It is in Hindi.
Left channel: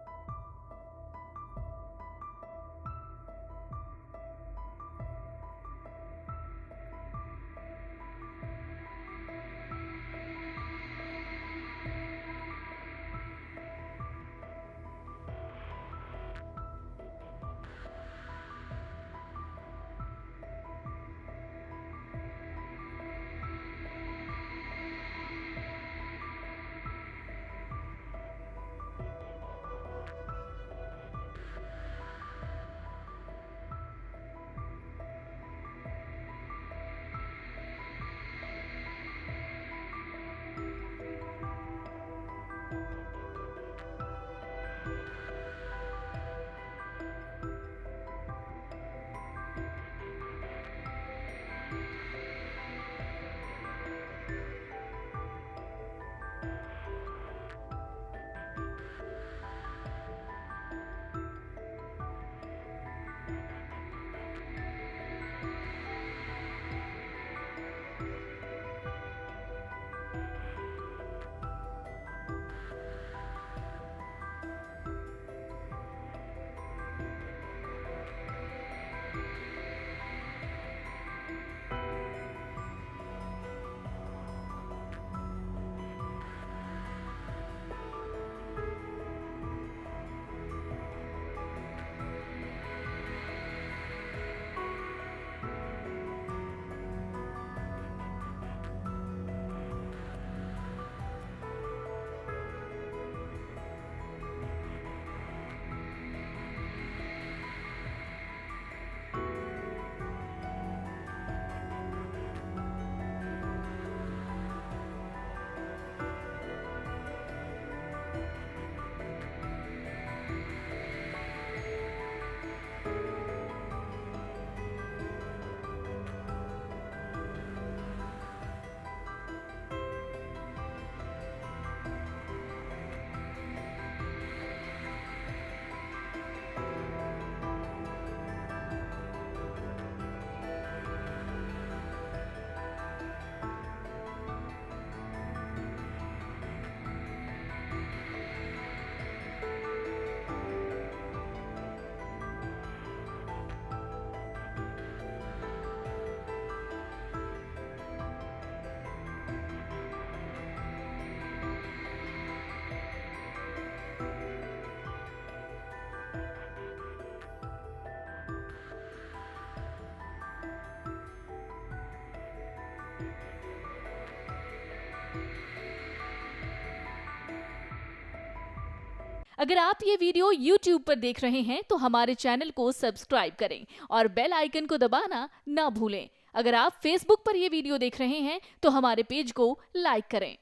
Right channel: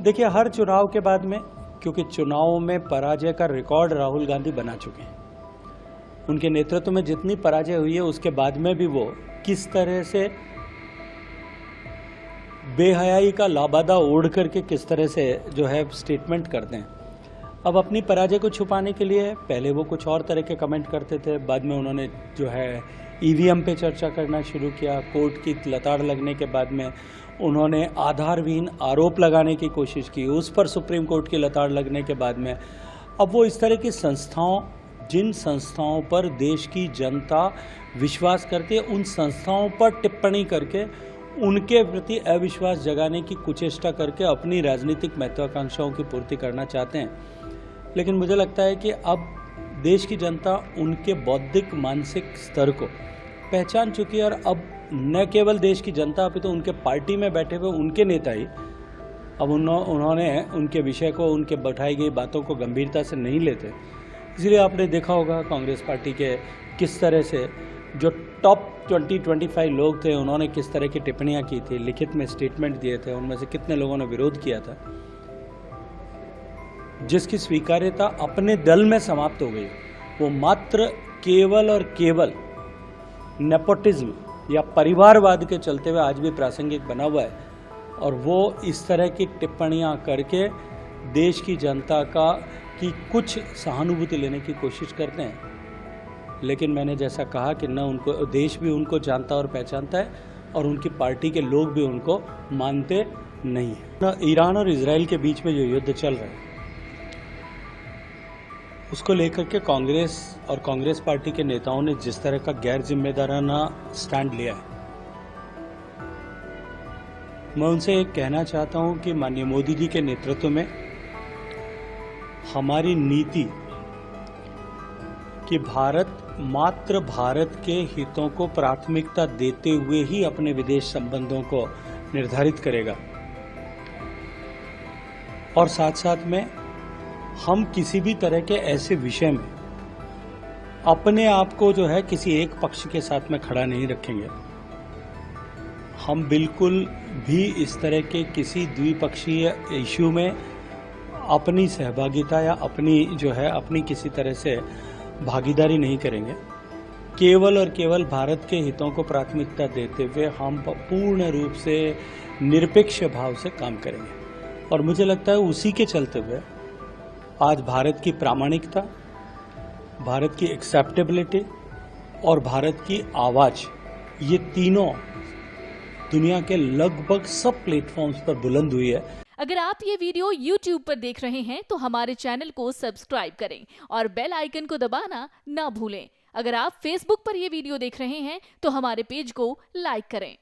देखिए, हर चुनाव के बाद में, क्योंकि चुनाव में पराजय का रिकॉर्ड राहुल गांधी बना चुके हैं, उनके नेतृत्व में जितनी पराजय हुई है उसके बाद में भी वो किस तरह से बेहयाई का लाबादा ओढ़ करके किस तरह से जो है स्टेटमेंट करते हैं। अब अपनी पराजय को छुपाने के लिए पहले वो कुछ और तरह के कमेंट करते थे, बाद में उन्होंने जो है ईवीएम पे चर्चा करना शुरू किया। कोर्ट की लताड़ लगने के बाद में उन्होंने आधारहीन आरोप लगाने की कोशिश की, उस पर सुप्रीम कोर्ट की लताड़ लगने के बाद में अब वो इस तरह की संस्थाओं, जिन संस्थाओं पर देश की जनता विश्वास करती है, उन संस्थाओं पर टिप्पणी करके उनके प्रति अविश्वास जगाने की कुचेष्टा करके अपनी राजनीतिक महत्वाकांक्षाओं की पूर्ति करना चाहते हैं। लेकिन मुझे लगता है कि अब देश की जनता उनके बौद्धिक मानसिक स्तर को पहचान चुकी है और अब न केवल देश की जनता, अभी तो उनके पार्टी में बैठे हुए उनके नेता ही अब उन्होंने उनके विषय को, उनके बैठाई गई बातों को गंभीरता से नहीं लेते। इसलिए आपने देखा होगा कांग्रेस पार्टी के किस तरह से जो टॉप 20-25 लोग थे, उन्होंने किस तरह की टिप्पणियां की थी, लिखित में स्टेटमेंट दिए थे, उनमें से कितने लोगों ने विरोध किया था, जिसकी स्वीकार्यता अपने दल में समाप्त हो गई। वो मात्र केवल और केवल नेपोटिज्म या परिवारवाद के चलते हुए आज भी प्रासंगिक बना हुआ है और वो इस तरह की टिप्पणियां करके देश की जनता की कुछ सहानुभूति लेने की कोशिश करते हैं। लेकिन मैंने जैसा कहा कि न उनको देश भी उनको जानता और पहचानता है और उनकी पार्टी के लोग भी उनको मानते नहीं हैं। ईरान और इजराइल के बीच में जो युद्ध चल रहा है उसको लेकर के कांग्रेस और कांग्रेस पार्टी के नेताओं ने जिस तरह का गैर जिम्मेदाराना स्टैंड लिया है, मैं उनसे कहना चाहता हूं कि माननीय मोदी जी के नेतृत्व में हमारी नीति कि भारत मात्र भारत के हितों को प्राथमिकता देते हुए ही अपने विदेश संबंधों को निर्धारित करेगा और साथ साथ में हम किसी भी तरह के ऐसे विषय में अपने आप को जो है किसी एक पक्ष के साथ में खड़ा नहीं रखेंगे। हम बिल्कुल भी इस तरह के किसी द्विपक्षीय इश्यू में अपनी सहभागिता या अपनी किसी तरह से भागीदारी नहीं करेंगे। केवल और केवल भारत के हितों को प्राथमिकता देते हुए हम पूर्ण रूप से निरपेक्ष भाव से काम करेंगे और मुझे लगता है उसी के चलते हुए आज भारत की प्रामाणिकता, भारत की एक्सेप्टेबिलिटी और भारत की आवाज, ये तीनों दुनिया के लगभग सब प्लेटफॉर्म्स पर बुलंद हुई है। अगर आप ये वीडियो YouTube पर देख रहे हैं तो हमारे चैनल को सब्सक्राइब करें और बेल आइकन को दबाना ना भूलें। अगर आप Facebook पर ये वीडियो देख रहे हैं तो हमारे पेज को लाइक करें।